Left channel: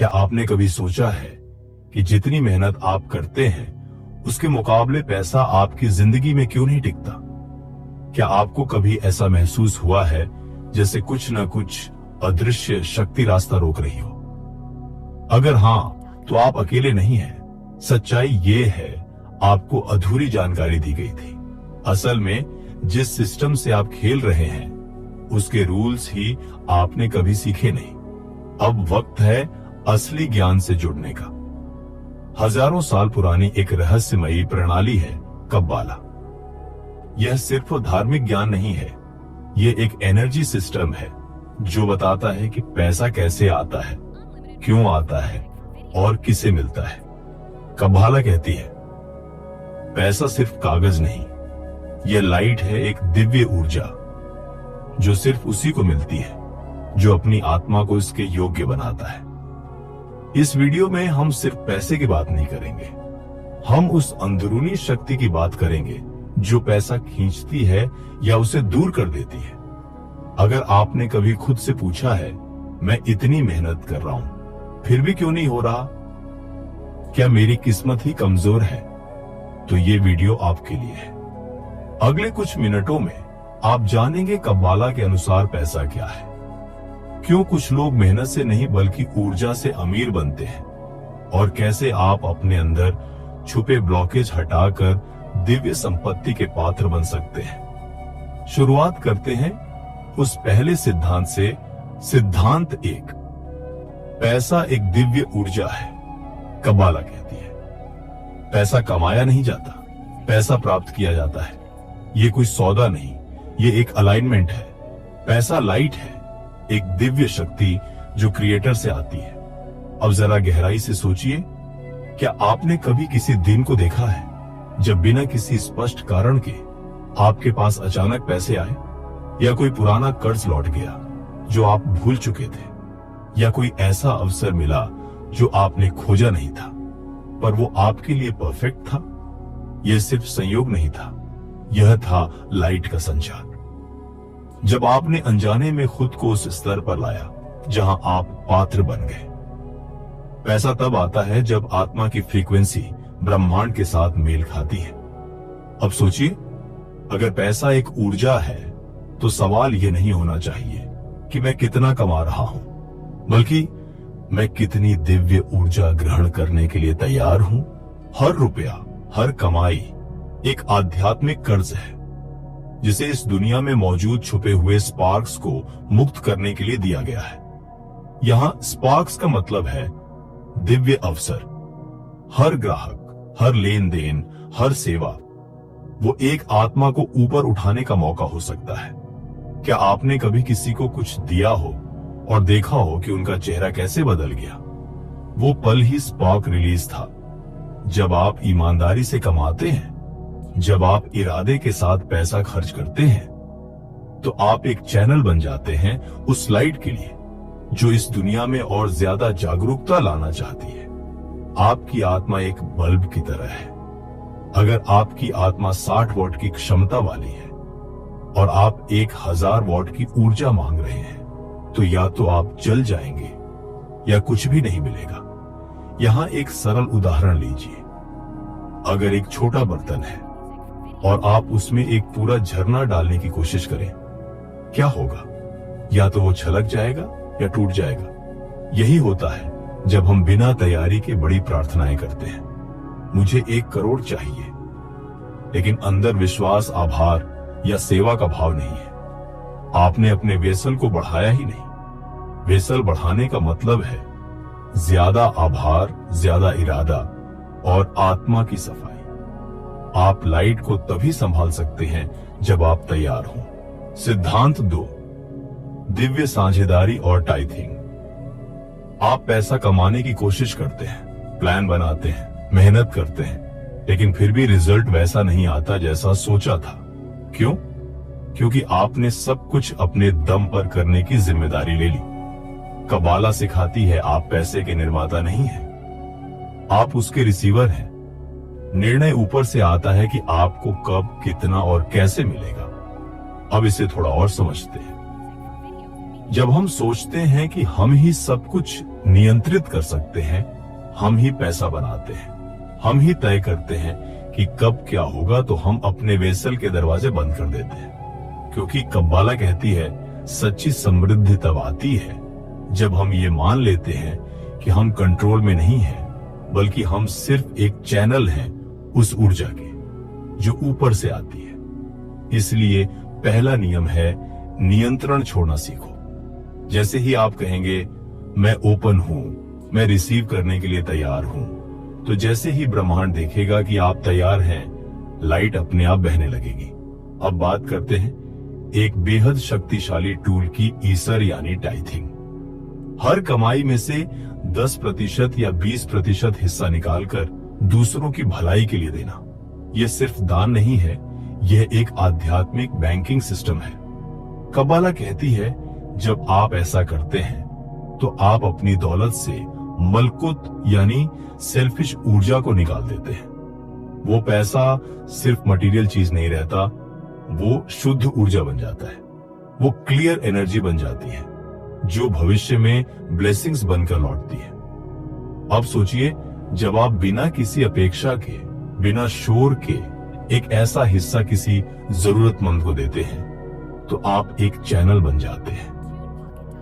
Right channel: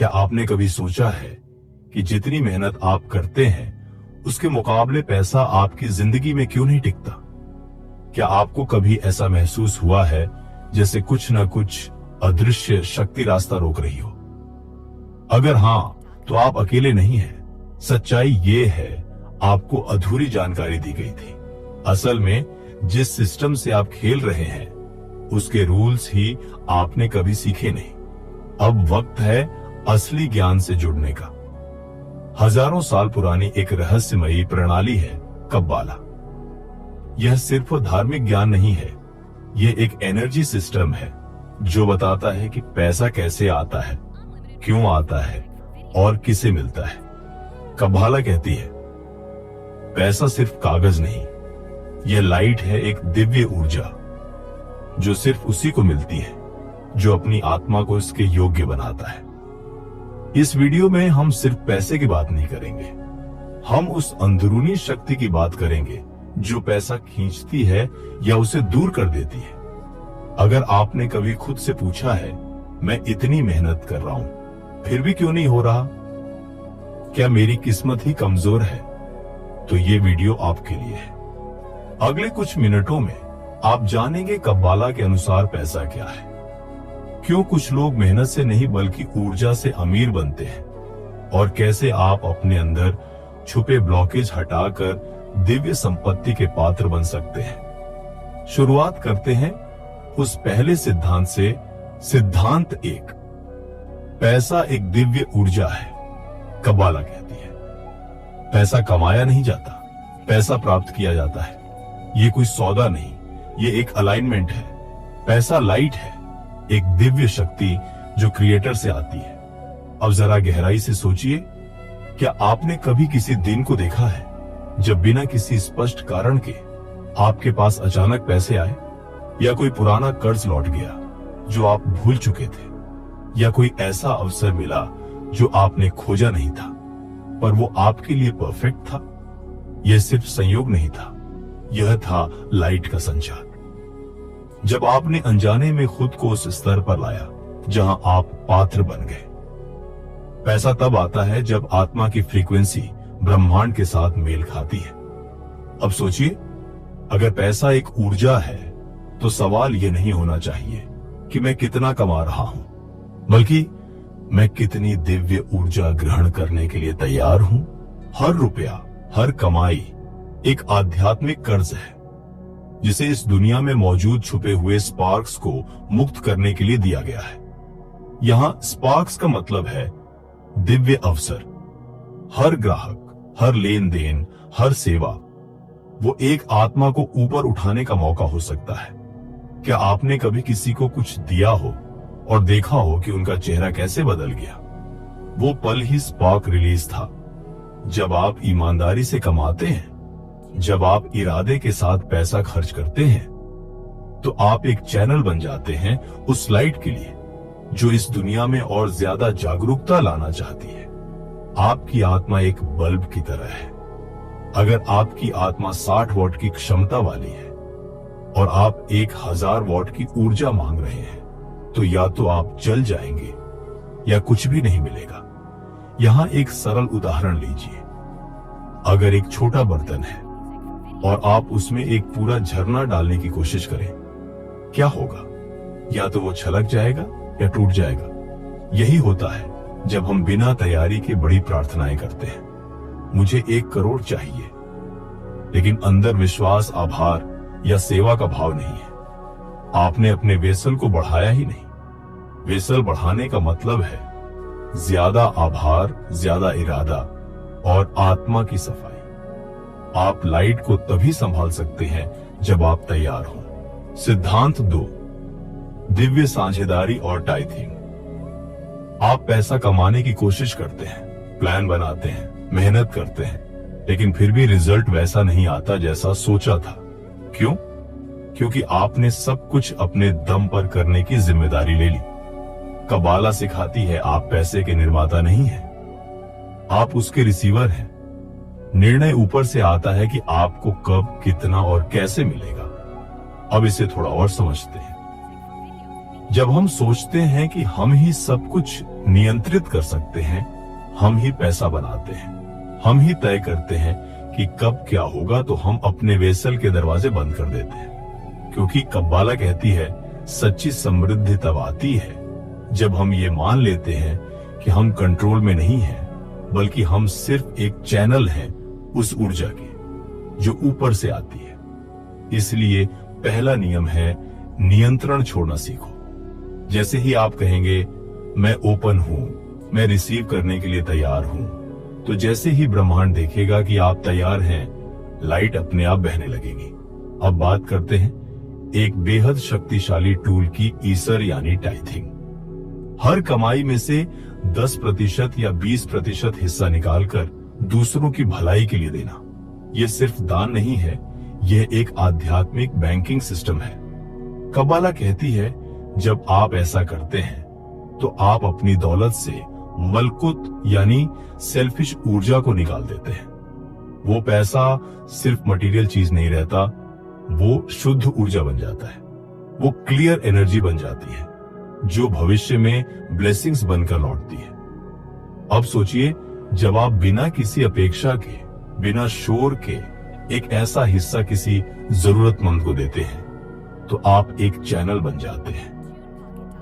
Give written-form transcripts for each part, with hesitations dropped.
क्या आपने कभी सोचा है कि जितनी मेहनत आप करते हैं उसके मुकाबले पैसा आपकी जिंदगी में क्यों नहीं टिकता? क्या आपको कभी ऐसा महसूस हुआ है जैसे कुछ न कुछ अदृश्य शक्ति रास्ता रोक रही हो? अगर हाँ, तो आप अकेले नहीं हैं। सच्चाई ये है, आपको अधूरी जानकारी दी गई थी। असल में जिस सिस्टम से आप खेल रहे हैं उसके रूल्स ही आपने कभी सीखे नहीं। अब वक्त है असली ज्ञान से जुड़ने का। हजारों साल पुरानी एक रहस्यमयी प्रणाली है कब्बाला। यह सिर्फ धार्मिक ज्ञान नहीं है, ये एक एनर्जी सिस्टम है जो बताता है कि पैसा कैसे आता है, क्यों आता है और किसे मिलता है। कब्बाला कहती है पैसा सिर्फ कागज नहीं, यह लाइट है, एक दिव्य ऊर्जा जो सिर्फ उसी को मिलती है जो अपनी आत्मा को इसके योग्य बनाता है। इस वीडियो में हम सिर्फ पैसे की बात नहीं करेंगे, हम उस अंदरूनी शक्ति की बात करेंगे जो पैसा खींचती है या उसे दूर कर देती है। अगर आपने कभी खुद से पूछा है, मैं इतनी मेहनत कर रहा हूं फिर भी क्यों नहीं हो रहा, क्या मेरी किस्मत ही कमजोर है, तो ये वीडियो आपके लिए है। अगले कुछ मिनटों में आप जानेंगे कब्बाला के अनुसार पैसा क्या है, क्यों कुछ लोग मेहनत से नहीं बल्कि ऊर्जा से अमीर बनते हैं, और कैसे आप अपने अंदर छुपे ब्लॉकेज हटाकर दिव्य संपत्ति के पात्र बन सकते हैं। शुरुआत करते हैं उस पहले सिद्धांत से। सिद्धांत 1, पैसा एक दिव्य ऊर्जा है। कब्बाला कहती है पैसा कमाया नहीं जाता, पैसा प्राप्त किया जाता है। ये कोई सौदा नहीं, ये एक अलाइनमेंट है। पैसा लाइट है, एक दिव्य शक्ति जो क्रिएटर से आती है। अब जरा गहराई से सोचिए, क्या आपने कभी किसी दिन को देखा है जब बिना किसी स्पष्ट कारण के आपके पास अचानक पैसे आए, या कोई पुराना कर्ज लौट गया जो आप भूल चुके थे, या कोई ऐसा अवसर मिला जो आपने खोजा नहीं था पर वो आपके लिए परफेक्ट था? यह सिर्फ संयोग नहीं था, यह था लाइट का संचार। जब आपने अनजाने में खुद को उस स्तर पर लाया जहां आप पात्र बन गए। पैसा तब आता है जब आत्मा की फ्रीक्वेंसी ब्रह्मांड के साथ मेल खाती है। अब सोचिए, अगर पैसा एक ऊर्जा है तो सवाल यह नहीं होना चाहिए कि मैं कितना कमा रहा हूं, बल्कि मैं कितनी दिव्य ऊर्जा ग्रहण करने के लिए तैयार हूं। हर रुपया, हर कमाई एक आध्यात्मिक कर्ज है जिसे इस दुनिया में मौजूद छुपे हुए स्पार्क्स को मुक्त करने के लिए दिया गया है। यहां स्पार्क्स का मतलब है दिव्य अवसर। हर ग्राहक, हर लेन देन, हर सेवा वो एक आत्मा को ऊपर उठाने का मौका हो सकता है। क्या आपने कभी किसी को कुछ दिया हो और देखा हो कि उनका चेहरा कैसे बदल गया? वो पल ही स्पार्क रिलीज था। जब आप ईमानदारी से कमाते हैं, जब आप इरादे के साथ पैसा खर्च करते हैं, तो आप एक चैनल बन जाते हैं उस लाइट के लिए जो इस दुनिया में और ज्यादा जागरूकता लाना चाहती है। आपकी आत्मा एक बल्ब की तरह है। अगर आपकी आत्मा 60 वॉट की क्षमता वाली है और आप 1000 वॉट की ऊर्जा मांग रहे हैं, तो या तो आप जल जाएंगे या कुछ भी नहीं मिलेगा। यहां एक सरल उदाहरण लीजिए। अगर एक छोटा बर्तन है और आप उसमें एक पूरा झरना डालने की कोशिश करें, क्या होगा? या तो वो छलक जाएगा या टूट जाएगा। यही होता है जब हम बिना तैयारी के बड़ी प्रार्थनाएं करते हैं। मुझे 1 करोड़ चाहिए, लेकिन अंदर विश्वास, आभार या सेवा का भाव नहीं है। आपने अपने वेसल को बढ़ाया ही नहीं। वेसल बढ़ाने का मतलब है ज्यादा आभार, ज्यादा इरादा और आत्मा की सफाई। आप लाइट को तभी संभाल सकते हैं जब आप तैयार हों। सिद्धांत 2, दिव्य साझेदारी और टाइथिंग। आप पैसा कमाने की कोशिश करते हैं, प्लान बनाते हैं, मेहनत करते हैं, लेकिन फिर भी रिजल्ट वैसा नहीं आता जैसा सोचा था। क्यों? क्योंकि आपने सब कुछ अपने दम पर करने की जिम्मेदारी ले ली। कब्बाला सिखाती है आप पैसे के निर्माता नहीं हैं, आप उसके रिसीवर हैं। निर्णय ऊपर से आता है कि आपको कब, कितना और कैसे मिलेगा। अब इसे थोड़ा और समझते हैं। जब हम सोचते हैं कि हम ही सब कुछ नियंत्रित कर सकते हैं, हम ही पैसा बनाते हैं। हम ही तय करते हैं कि कब क्या होगा, तो हम अपने वेसल के दरवाजे बंद कर देते हैं। क्योंकि कब्बाला कहती है सच्ची समृद्धि तब आती है जब हम ये मान लेते हैं कि हम कंट्रोल में नहीं हैं, बल्कि हम सिर्फ एक चैनल हैं उस ऊर्जा के जो ऊपर से आती है। इसलिए पहला नियम है नियंत्रण छोड़ना सीखो। जैसे ही आप कहेंगे मैं ओपन हूं, मैं रिसीव करने के लिए तैयार हूं, तो जैसे ही ब्रह्मांड देखेगा कि आप तैयार हैं, लाइट अपने आप बहने लगेगी। अब बात करते हैं एक बेहद शक्तिशाली टूल की, ईसर यानी टाइथिंग। हर कमाई में से 10% या 20% हिस्सा निकालकर दूसरों की भलाई के लिए देना। यह सिर्फ दान नहीं है, यह एक आध्यात्मिक बैंकिंग सिस्टम है। कब्बाला कहती है जब आप ऐसा करते हैं तो आप अपनी दौलत से मलकुत यानी सेल्फिश ऊर्जा को निकाल देते हैं। वो पैसा सिर्फ मटेरियल चीज नहीं रहता, वो शुद्ध ऊर्जा बन जाता है। वो क्लियर एनर्जी बन जाती है जो भविष्य में ब्लेसिंग्स बनकर लौटती है। अब सोचिए, जब आप बिना किसी अपेक्षा के, बिना शोर के एक ऐसा हिस्सा किसी जरूरतमंद को देते हैं, तो आप एक चैनल बन जाते हैं।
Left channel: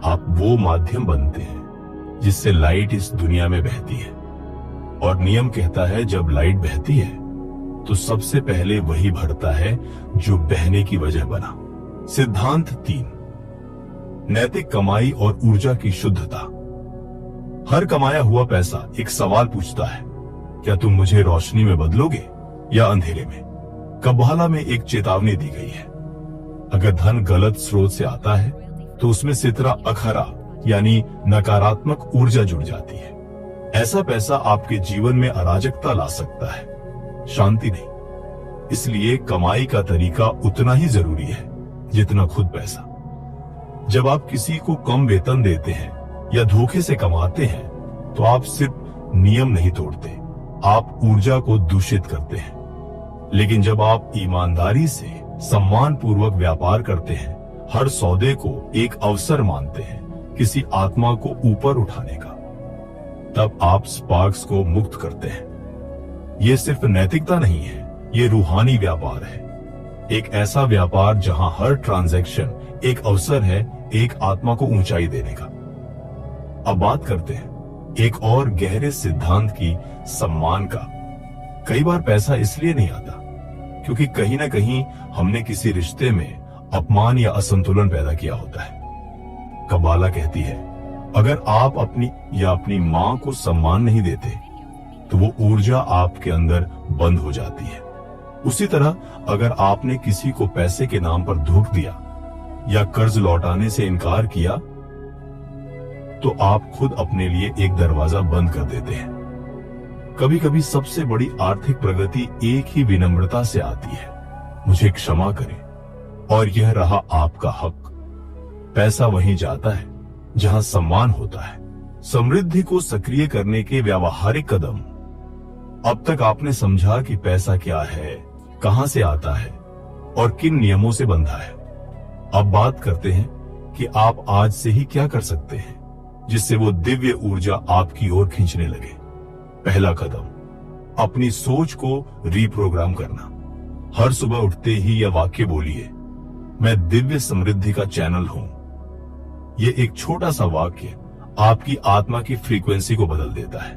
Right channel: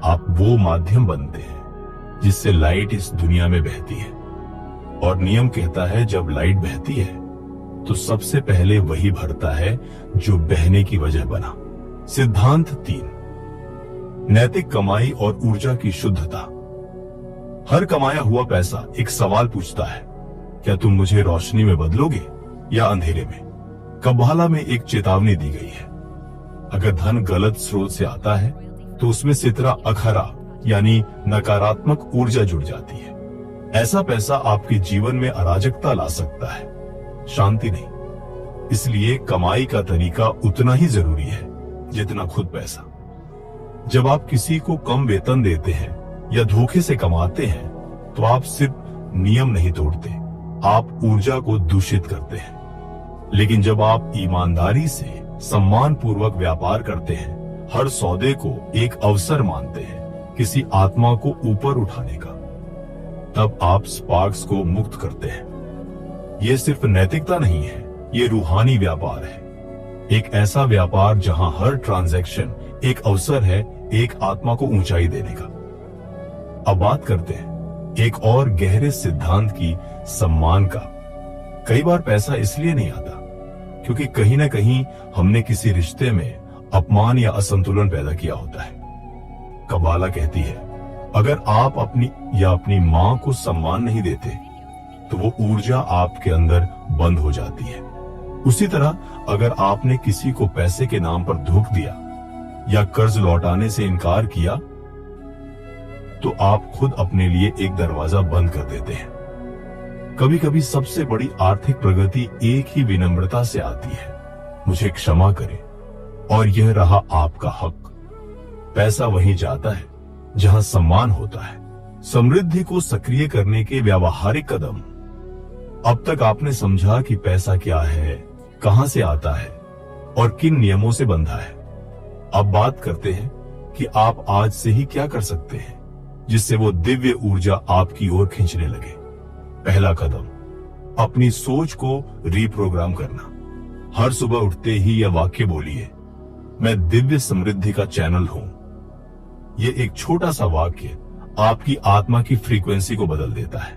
आप वो माध्यम बनते हैं जिससे लाइट इस दुनिया में बहती है। और नियम कहता है जब लाइट बहती है तो सबसे पहले वही भरता है जो बहने की वजह बना। सिद्धांत 3, नैतिक कमाई और ऊर्जा की शुद्धता। हर कमाया हुआ पैसा एक सवाल पूछता है, क्या तुम मुझे रोशनी में बदलोगे या अंधेरे में? कब्बाला में एक चेतावनी दी गई है, अगर धन गलत स्रोत से आता है तो उसमें सितरा अखरा यानी नकारात्मक ऊर्जा जुड़ जाती है। ऐसा पैसा आपके जीवन में अराजकता ला सकता है, शांति नहीं। इसलिए कमाई का तरीका उतना ही जरूरी है जितना खुद पैसा। जब आप किसी को कम वेतन देते हैं या धोखे से कमाते हैं तो आप सिर्फ नियम नहीं तोड़ते, आप ऊर्जा को दूषित करते हैं। लेकिन जब आप ईमानदारी से सम्मान पूर्वक व्यापार करते हैं, हर सौदे को एक अवसर मानते हैं किसी आत्मा को ऊपर उठाने का, तब आप स्पार्क्स को मुक्त करते हैं। यह सिर्फ नैतिकता नहीं है, ये रूहानी व्यापार है। एक ऐसा व्यापार जहां हर ट्रांजैक्शन एक अवसर है एक आत्मा को ऊंचाई देने का। अब बात करते हैं एक और गहरे सिद्धांत की, सम्मान का। कई बार पैसा इसलिए नहीं आता क्योंकि कहीं ना कहीं हमने किसी रिश्ते में अपमान या असंतुलन पैदा किया होता है। कब्बाला कहती है अगर आप अपनी मां को सम्मान नहीं देते तो वो ऊर्जा आपके अंदर बंद हो जाती है। उसी तरह अगर आपने किसी को पैसे के नाम पर धोखा दिया या कर्ज लौटाने से इनकार किया तो आप खुद अपने लिए एक दरवाजा बंद कर देते हैं। कभी कभी सबसे बड़ी आर्थिक प्रगति एक ही विनम्रता से आती है, मुझे क्षमा करें, और यह रहा आपका हक। पैसा वहीं जाता है जहां सम्मान होता है। समृद्धि को सक्रिय करने के व्यावहारिक कदम। अब तक आपने समझा कि पैसा क्या है, कहां से आता है और किन नियमों से बंधा है। अब बात करते हैं कि आप आज से ही क्या कर सकते हैं जिससे वो दिव्य ऊर्जा आपकी ओर खींचने लगे। पहला कदम, अपनी सोच को रीप्रोग्राम करना। हर सुबह उठते ही यह वाक्य बोलिए, मैं दिव्य समृद्धि का चैनल हूं। यह एक छोटा सा वाक्य आपकी आत्मा की फ्रीक्वेंसी को बदल देता है।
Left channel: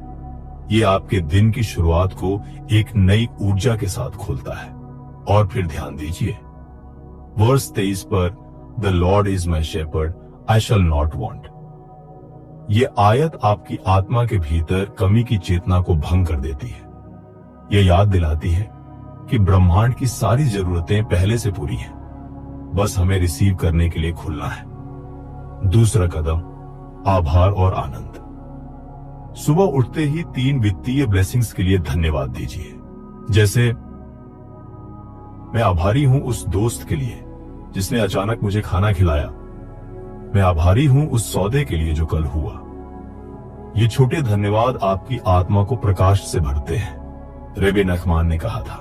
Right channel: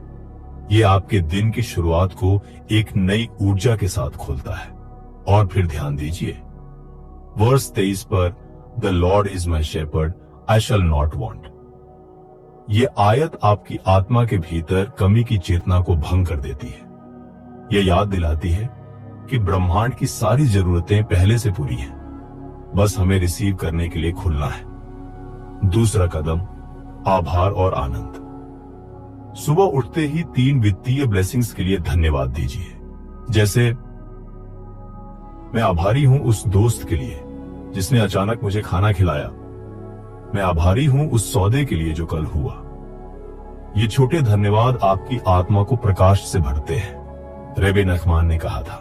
यह आपके दिन की शुरुआत को एक नई ऊर्जा के साथ खोलता है। और फिर ध्यान दीजिए वर्स 23 पर, the lord is my shepherd, I shall not want. यह आयत आपकी आत्मा के भीतर कमी की चेतना को भंग कर देती है। यह याद दिलाती है कि ब्रह्मांड की सारी जरूरतें पहले से पूरी हैं, बस हमें रिसीव करने के लिए खुलना है। दूसरा कदम, आभार और आनंद। सुबह उठते ही 3 वित्तीय ब्लेसिंग्स के लिए धन्यवाद दीजिए। जैसे, मैं आभारी हूं उस दोस्त के लिए जिसने अचानक मुझे खाना खिलाया। मैं आभारी हूं उस सौदे के लिए जो कल हुआ। ये छोटे धन्यवाद आपकी आत्मा को प्रकाश से भरते हैं। रबी नखमान ने कहा था,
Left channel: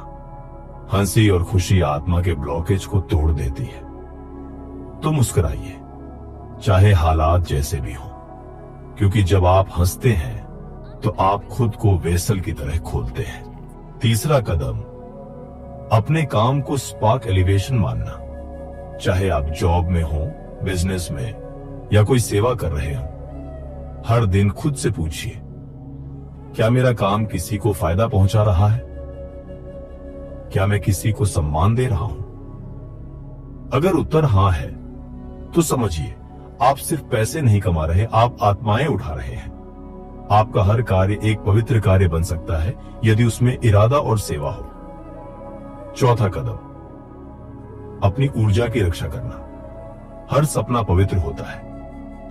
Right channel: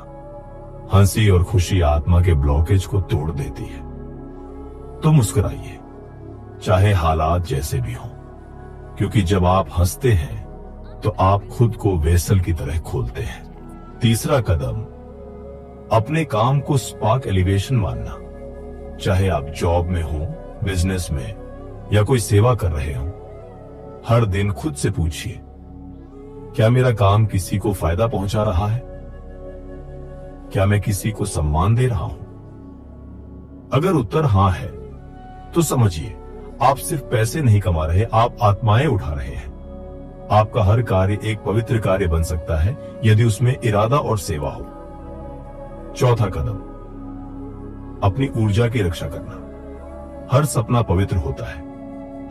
हंसी और खुशी आत्मा के ब्लॉकेज को तोड़ देती है। तो मुस्कुराइए, चाहे हालात जैसे भी हों, क्योंकि जब आप हंसते हैं तो आप खुद को वेसल की तरह खोलते हैं। तीसरा कदम, अपने काम को स्पार्क एलिवेशन मानना। चाहे आप जॉब में हो, बिजनेस में या कोई सेवा कर रहे हो, हर दिन खुद से पूछिए, क्या मेरा काम किसी को फायदा पहुंचा रहा है? क्या मैं किसी को सम्मान दे रहा हूं? अगर उत्तर हां है तो समझिए आप सिर्फ पैसे नहीं कमा रहे, आप आत्माएं उठा रहे हैं। आपका हर कार्य एक पवित्र कार्य बन सकता है यदि उसमें इरादा और सेवा हो। चौथा कदम, अपनी ऊर्जा की रक्षा करना। हर सपना पवित्र होता है,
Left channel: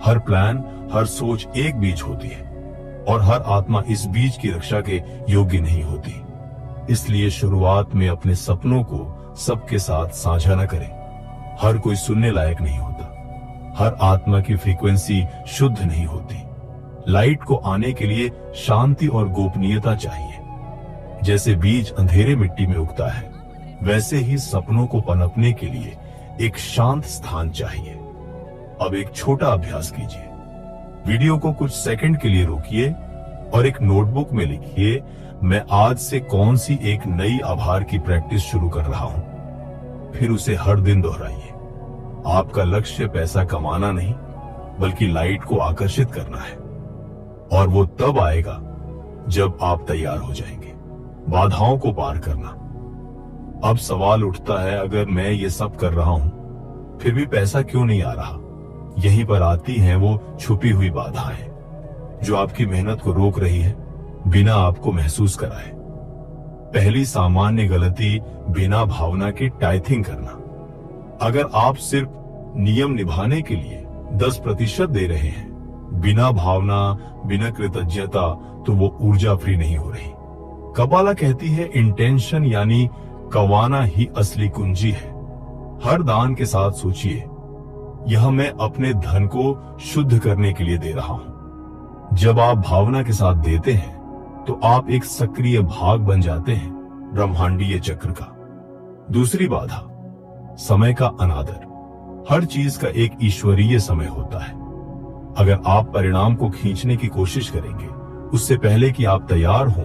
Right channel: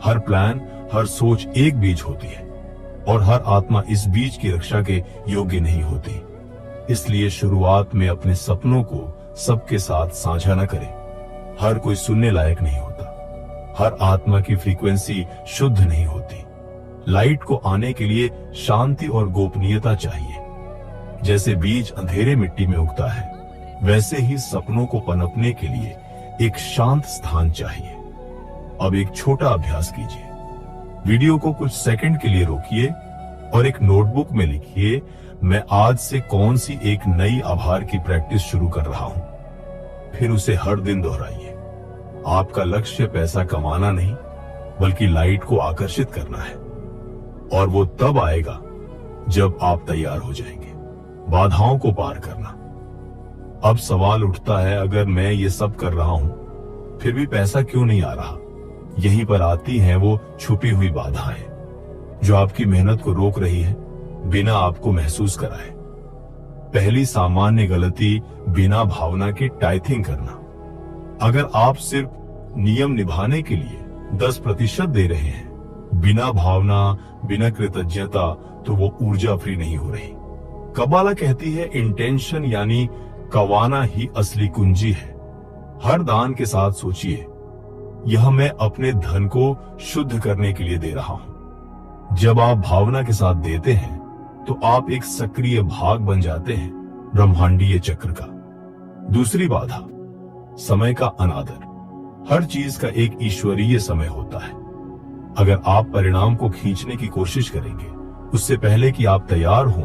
हर प्लान, हर सोच एक बीज होती है और हर आत्मा इस बीज की रक्षा के योग्य नहीं होती। इसलिए शुरुआत में अपने सपनों को सबके साथ साझा न करें। हर कोई सुनने लायक नहीं होता, हर आत्मा की फ्रीक्वेंसी शुद्ध नहीं होती। लाइट को आने के लिए शांति और गोपनीयता चाहिए। जैसे बीज अंधेरे मिट्टी में उगता है, वैसे ही सपनों को पनपने के लिए एक शांत स्थान चाहिए। अब एक छोटा अभ्यास कीजिए। वीडियो को कुछ सेकंड के लिए रोकिए और एक नोटबुक में लिखिए, मैं आज से कौन सी एक नई आभार की प्रैक्टिस शुरू कर रहा हूं। फिर उसे हर दिन दोहराइए। आपका लक्ष्य पैसा कमाना नहीं, बल्कि लाइट को आकर्षित करना है, और वो तब आएगा जब आप तैयार हो जाएंगे। बाधाओं को पार करना। अब सवाल उठता है, अगर मैं ये सब कर रहा हूं फिर भी पैसा क्यों नहीं आ रहा? यहीं पर आती हैं वो छुपी हुई बाधाएं जो आपकी मेहनत को रोक रही है बिना आपको महसूस कराए। पहली सामान्य गलती बिना भावना के टाइथिंग करना। अगर आप सिर्फ नियम निभाने के लिए 10% दे रहे हैं, बिना भावना, बिना कृतज्ञता, तो वो ऊर्जा फ्री नहीं हो रही। कबाला कहती है इंटेंशन यानी कवाना ही असली कुंजी है। हर दान के साथ सोचिए, यह मैं अपने धन को शुद्ध करने के लिए दे रहा हूं। जब आप भावना के साथ देते हैं तो आप एक सक्रिय भाग बन जाते हैं ब्रह्मांडीय चक्र का। दूसरी बाधा, समय का अनादर। हर चीज का एक ईश्वरीय समय होता है। अगर आप परिणाम को खींचने की कोशिश करेंगे उससे पहले कि आप तैयार हों,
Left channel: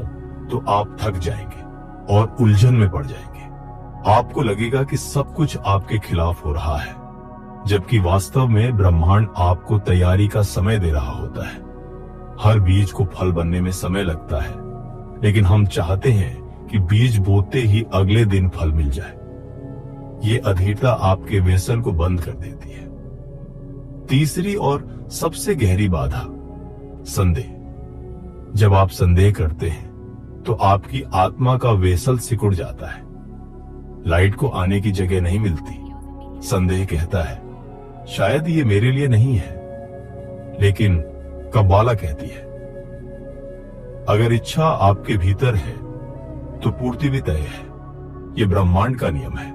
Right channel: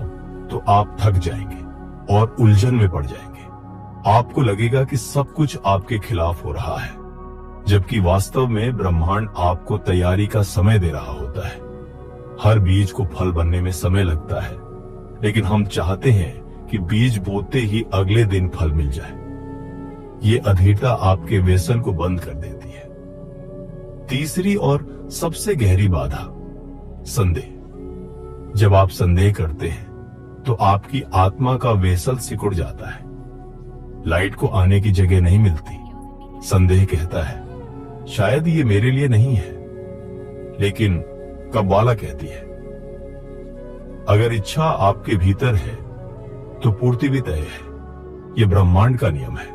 तो आप थक जाएंगे और उलझन में पड़ जाएंगे। आपको लगेगा कि सब कुछ आपके खिलाफ हो रहा है, जबकि वास्तव में ब्रह्मांड आपको तैयारी का समय दे रहा होता है। हर बीज को फल बनने में समय लगता है, लेकिन हम चाहते हैं कि बीज बोते ही अगले दिन फल मिल जाए। ये अधीरता आपके व्यसन को बंद कर देती है। तीसरी और सबसे गहरी बाधा, संदेह। जब आप संदेह करते हैं तो आपकी आत्मा का वेसल सिकुड़ जाता है। लाइट को आने की जगह नहीं मिलती। संदेह कहता है, शायद ये मेरे लिए नहीं है। लेकिन कब्बाला कहती है, अगर इच्छा आपके भीतर है तो पूर्ति भी तय है। ये ब्रह्मांड का नियम है।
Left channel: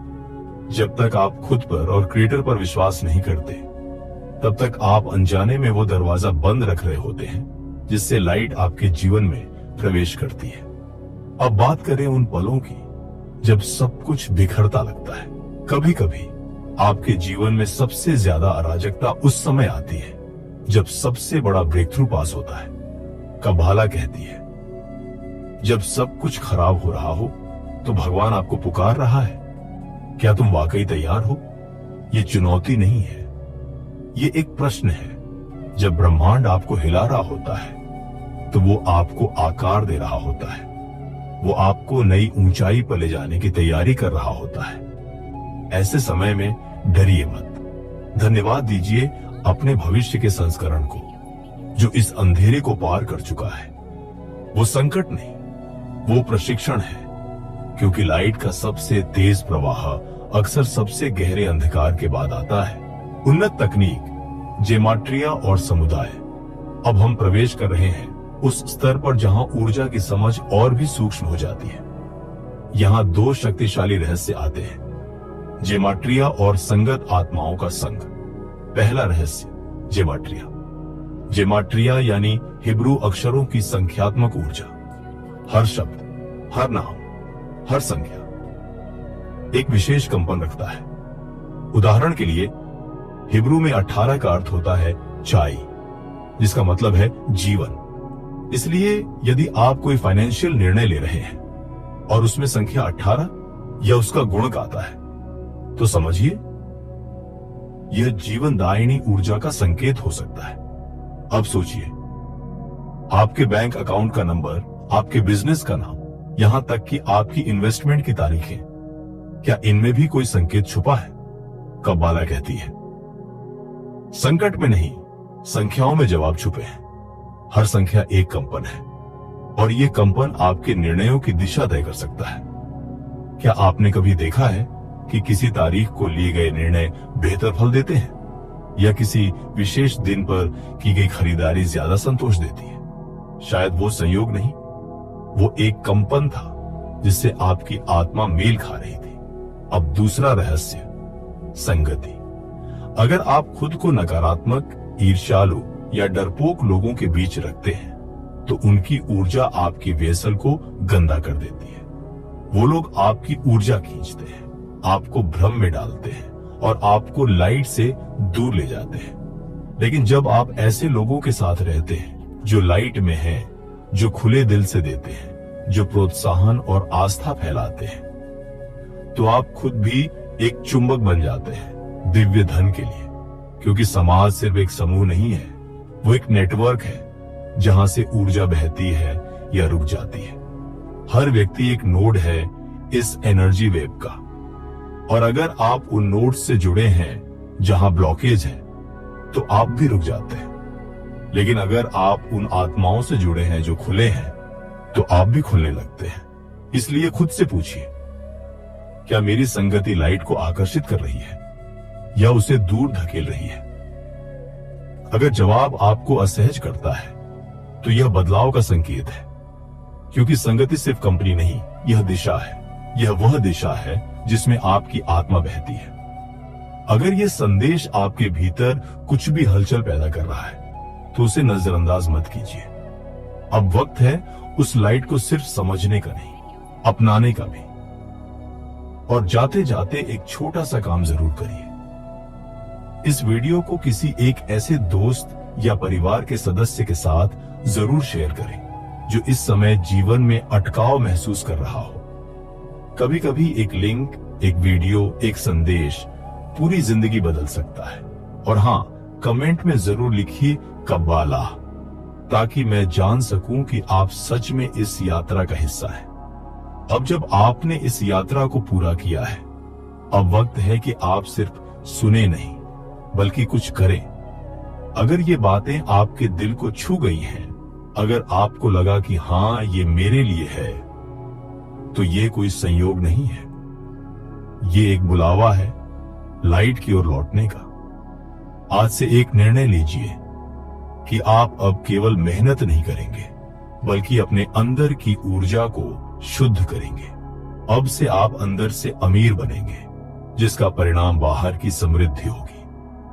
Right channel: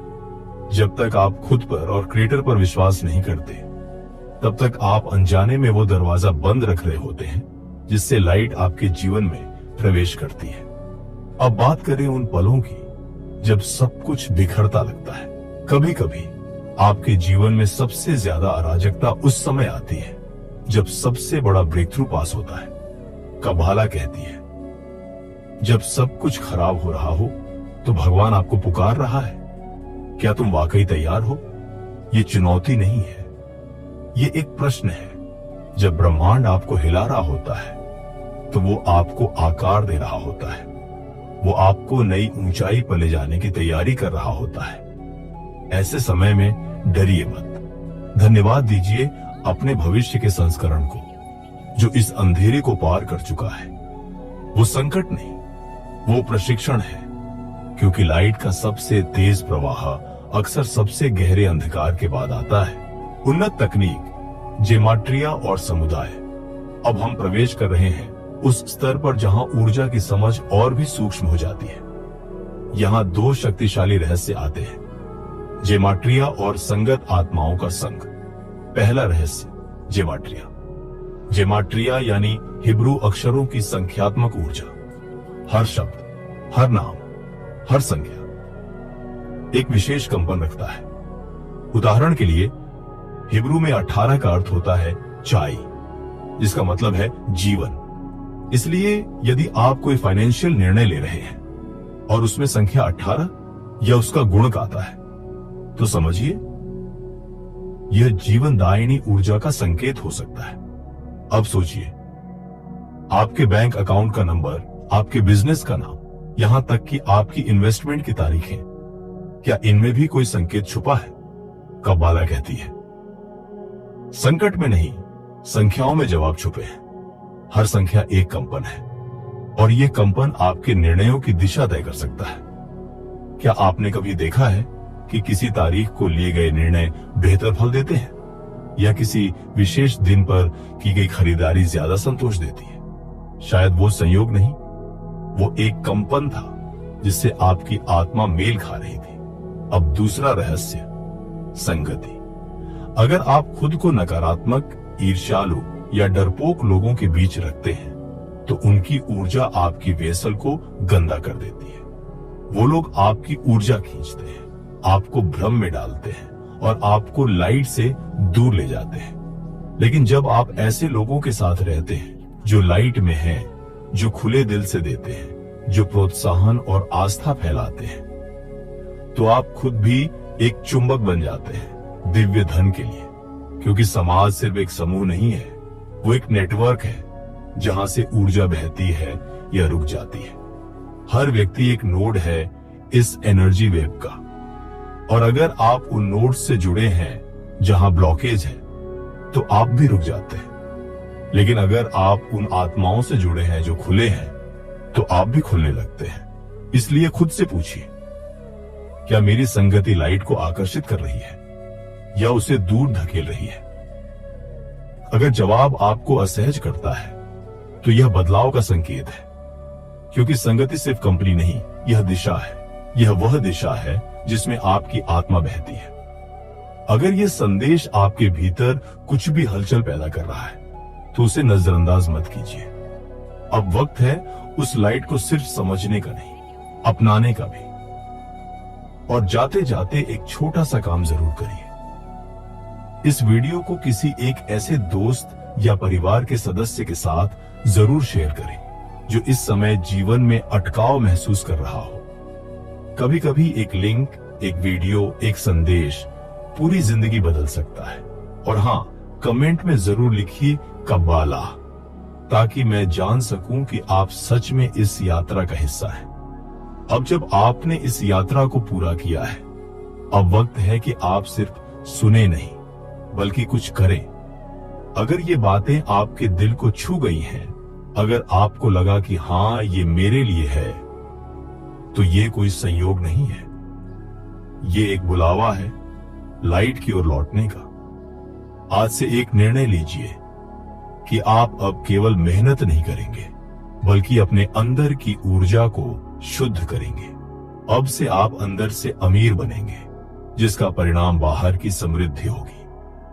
जब तक आप खुद पर और क्रिएटर पर विश्वास नहीं करते, तब तक आप अनजाने में वो दरवाजा बंद रख रहे होते हैं जिससे लाइट आपके जीवन में प्रवेश करती है। अब बात करें उन पलों की जब सब कुछ बिखरता लगता है। कभी कभी आपके जीवन में सबसे ज्यादा अराजकता उस समय आती है जब सबसे बड़ा ब्रेक थ्रू पास होता है। कबाला कहती है, जब सब कुछ खराब हो रहा हो तो भगवान आपको पुकार रहा है। क्या तुम वाकई तैयार हो? ये चुनौती नहीं है, ये एक प्रश्न है। जब ब्रह्मांड आपको हिला रहा होता है तो वो आपको आकार दे रहा होता है। वो आपको नई ऊंचाई पर ले जाने की तैयारी कर रहा होता है। ऐसे समय में डरिए मत। धन्यवाद दीजिए अपने भविष्य के संस्करण को जो इस अंधेरे को पार कर चुका है। वो संकट नहीं, वो प्रशिक्षण है, क्योंकि लाइट का सबसे तेज प्रवाह अक्सर सबसे गहरे अंधकार के बाद आता है। उन्नत तकनीक, जेमाट्रिया और समुदाय। अब हम प्रवेश कर रहे हैं उस स्तर पर जहां ऊर्जा की समझ और भी सूक्ष्म हो जाती है। यहाँ 2 शक्तिशाली रहस्य आते हैं, जेमाट्रिया और संगत आत्माओं का संग। पहला रहस्य, जेमाट्रिया। जेमाट्रिया यानी हिब्रू अक्षरों की संख्यात्मक ऊर्जा। हर शब्द, हर नाम, हर संख्या एक विशेष कंपन रखता है। उदाहरण के लिए हिब्रू में 18 का अर्थ होता है चाय, जिसका मतलब है जीवन। इसलिए यदि आप कोई फाइनेंशियल निर्णय ले रहे हैं और उसमें संख्या 18 या उसका गुणक आता है, तो समझिए यह जीवनदायिनी ऊर्जा का संकेत हो सकता है। अब सोचिए, आपके बैंक अकाउंट का नंबर, आपके बिजनेस का नाम, यहां तक कि आपकी इन्वेस्टमेंट की तारीखें, क्या इनमें भी कोई संकेत छुपा है? कब्बाला कहती है, संकट में नहीं, संख्याओं में जवाब छुपे हैं। हर संख्या एक कंपन है और यह कंपन आपके निर्णयों की दिशा तय कर सकता है। क्या आपने कभी देखा है कि किसी तारीख को लिए गए निर्णय बेहतर फल देते हैं, या किसी विशेष दिन पर की गई खरीदारी ज्यादा संतोष देती है? शायद वो संयोग नहीं, वो एक कंपन था जिससे आपकी आत्मा मेल खा रही थी। अब दूसरा रहस्य, संगति। अगर आप खुद को नकारात्मक, ईर्ष्यालु या डरपोक लोगों के बीच रखते हैं, तो उनकी ऊर्जा आपकी वेसल को गंदा कर देती है। वो लोग आपकी ऊर्जा खींचते हैं, आपको भ्रम में डालते हैं और आपको लाइट से दूर ले जाते हैं। लेकिन जब आप ऐसे लोगों के साथ रहते हैं जो लाइट में हैं, जो खुले दिल से देते हैं, जो प्रोत्साहन और आस्था फैलाते हैं, तो आप खुद भी एक चुंबक बन जाते हैं दिव्य धन के लिए। क्योंकि समाज सिर्फ एक समूह नहीं है, वो एक नेटवर्क है जहां से ऊर्जा बहती है या रुक जाती है। हर व्यक्ति एक नोड है इस एनर्जी वेव का, और अगर आप उन नोड से जुड़े हैं जहां ब्लॉकेज है, तो आप भी रुक जाते हैं। लेकिन अगर आप उन आत्माओं से जुड़े हैं जो खुले हैं, तो आप भी खुलने लगते हैं। इसलिए खुद से पूछिए, क्या मेरी संगति लाइट को आकर्षित कर रही है या उसे दूर धकेल रही है? अगर जवाब आपको असहज करता है, तो यह बदलाव का संकेत है। क्योंकि संगति सिर्फ कंपनी नहीं, यह दिशा है। यह वह दिशा है जिसमें आपकी आत्मा बहती है। अगर यह संदेश आपके भीतर कुछ भी हलचल पैदा कर रहा है, तो उसे नजरअंदाज मत कीजिए। अब वक्त है उस लाइट को सिर्फ समझने का नहीं, अपनाने का भी। और जाते जाते एक छोटा सा काम जरूर करिए। इस वीडियो को किसी एक ऐसे दोस्त या परिवार के सदस्य के साथ जरूर शेयर करें जो इस समय जीवन में अटकाव महसूस कर रहा हो। कभी कभी एक लिंक, एक वीडियो, एक संदेश पूरी जिंदगी बदल सकता है। और हाँ, कमेंट में जरूर लिखिए कब्बाला, ताकि मैं जान सकूं कि आप सच में इस यात्रा का हिस्सा हैं। अब जब आपने इस यात्रा को पूरा किया है, अब वक्त है कि आप सिर्फ सुने नहीं, बल्कि कुछ करें। अगर ये बातें आपके दिल को छू गई हैं, अगर आपको लगा कि हाँ ये मेरे लिए है, तो ये कोई संयोग नहीं है, ये एक बुलावा है लाइट की ओर लौटने का। आज से एक निर्णय लीजिए कि आप अब केवल मेहनत नहीं करेंगे, बल्कि अपने अंदर की ऊर्जा को शुद्ध करेंगे। अब से आप अंदर से अमीर बनेंगे, जिसका परिणाम बाहर की समृद्धि होगी।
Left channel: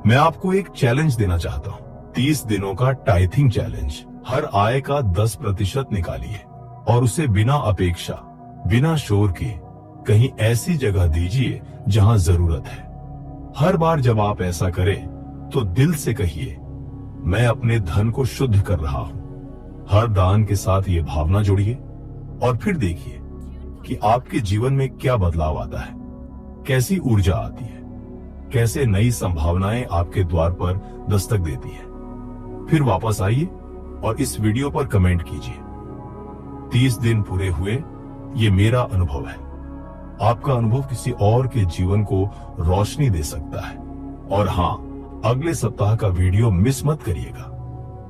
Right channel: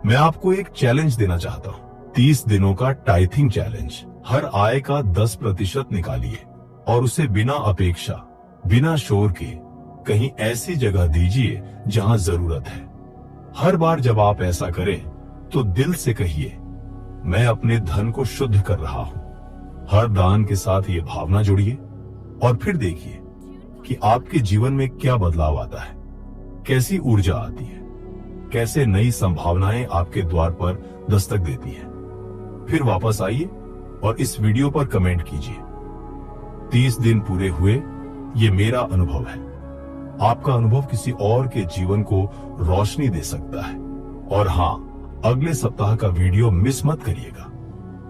मैं आपको एक चैलेंज देना चाहता हूँ, 30 दिनों का टाइथिंग चैलेंज। हर आय का 10% निकालिए और उसे बिना अपेक्षा, बिना शोर के कहीं ऐसी जगह दीजिए जहां जरूरत है। हर बार जब आप ऐसा करें, तो दिल से कहिए, मैं अपने धन को शुद्ध कर रहा हूँ। हर दान के साथ ये भावना जोड़िए और फिर देखिए कि आपके जीवन में क्या बदलाव आता है, कैसी ऊर्जा आती है, कैसे नई संभावनाएं आपके द्वार पर दस्तक देती है। फिर वापस आइए और इस वीडियो पर कमेंट कीजिए, 30 दिन पूरे हुए, ये मेरा अनुभव है। आपका अनुभव किसी और के जीवन को रोशनी दे सकता है। और हाँ, अगले सप्ताह का वीडियो मिस मत करिएगा।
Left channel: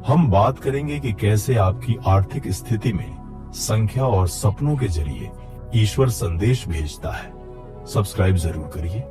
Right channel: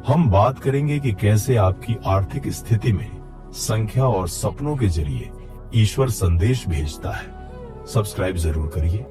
हम बात करेंगे कि कैसे आपकी आर्थिक स्थिति में संख्या और सपनों के जरिए ईश्वर संदेश भेजता है। सब्सक्राइब जरूर करिए।